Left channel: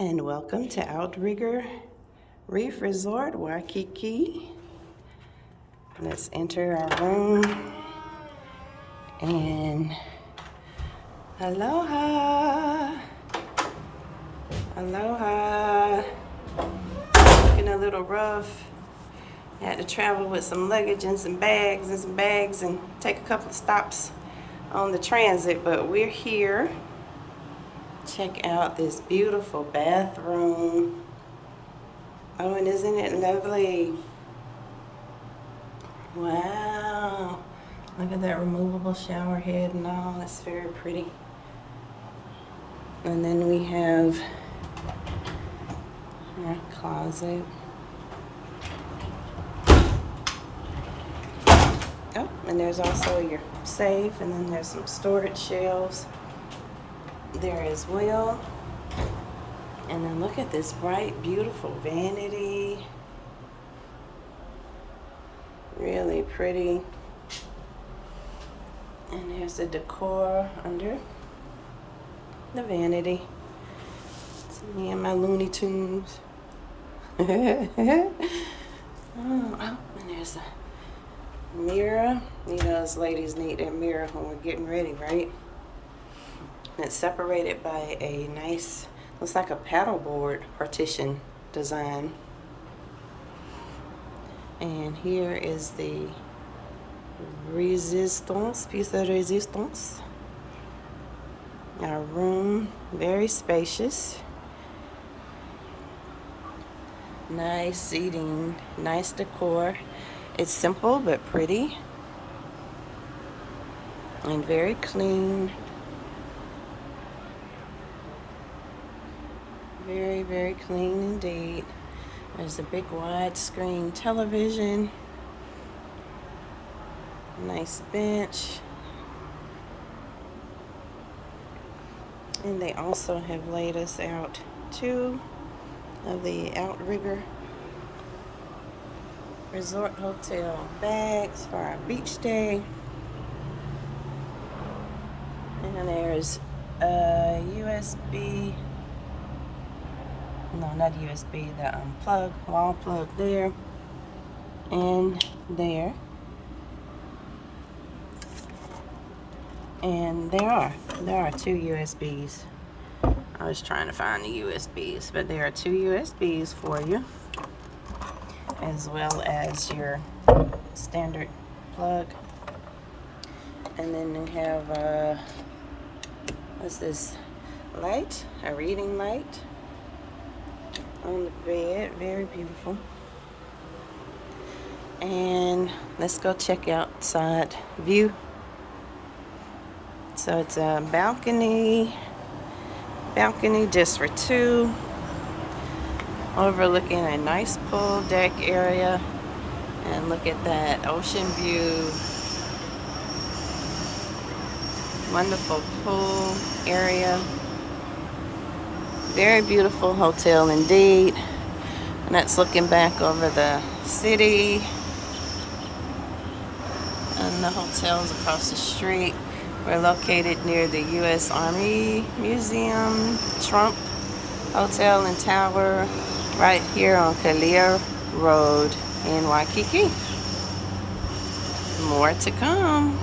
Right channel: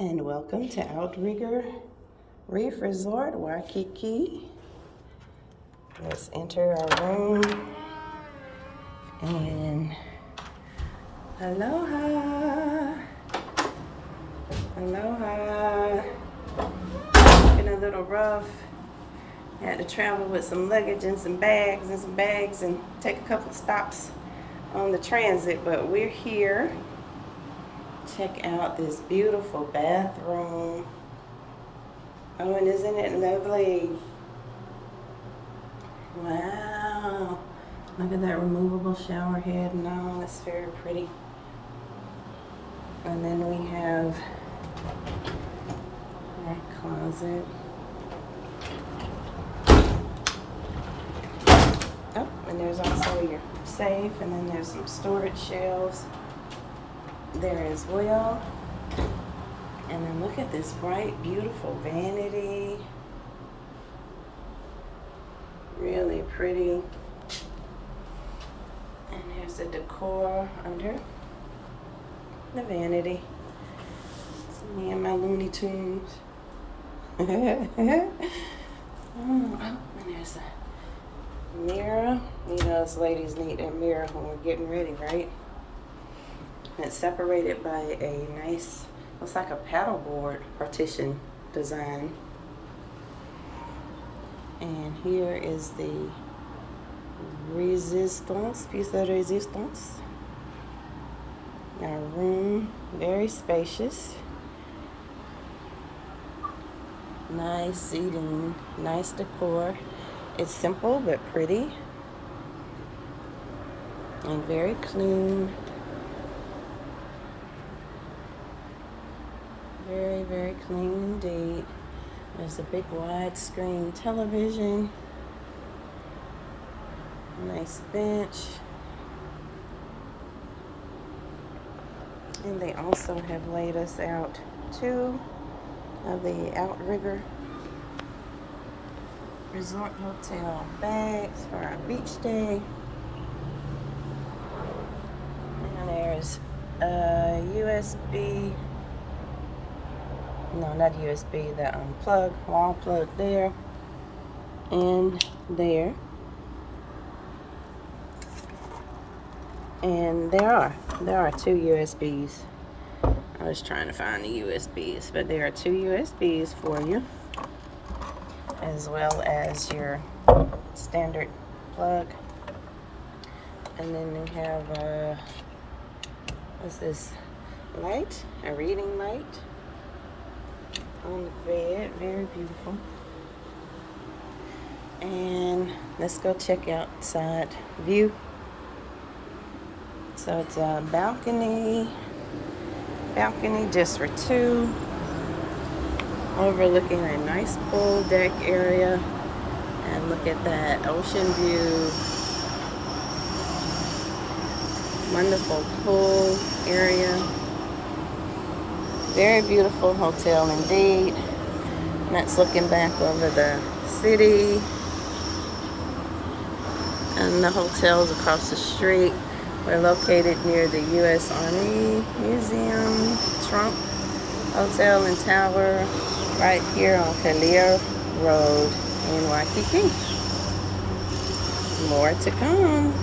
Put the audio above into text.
And welcome to Outrigger Reef Resort, Waikiki. Let's enter our room. And aloha. Aloha. Been a little rough. Had to travel with some luggage and some bags and take a couple of stops on the transit, but we're here. Check out this beautiful bathroom. Oh, and isn't it lovely? Wow. Look at that removable shower head and all. That's very pretty. And then we have our closet. Oh, and there's also your safe, and then there's some storage shelves there as well. And then look at this bright, beautiful vanity. Really pretty. And here's the decor under the vanity. It's me and my Looney Tunes. Oh, and there's a mirror. You know, us ladies need that mirror when we're getting ready, right? And it's separated by a nice, looks like a paddleboard partition design. And here is the resistance, piece of resistance. Our room, very spacious. Nice seating, nice decor. It's simple but pretty. And very clean. Very, very clean indeed. There's a big widescreen television. Nice bench. And they also have laid us out 2 of the Outrigger Resort Hotel bags for our beach day. And there's a USB. No, not USB, the plug, wall plug there and there. And there are 2 USBs. I was trying to find the USBs, but there are 2 USBs for you, as well as your standard plug. And then you have what's this light? A reading light on the bed. Very beautiful. And let's go check outside view. So it's a balcony just for 2, overlooking a nice pool deck area. And look at that ocean view. Wonderful pool area. Very beautiful hotel indeed. And that's looking back over the city. And the hotel's across the street. We're located near the U.S. Army Museum, Trump Hotel and Tower, right here on Kalia Road in Waikiki. More to come.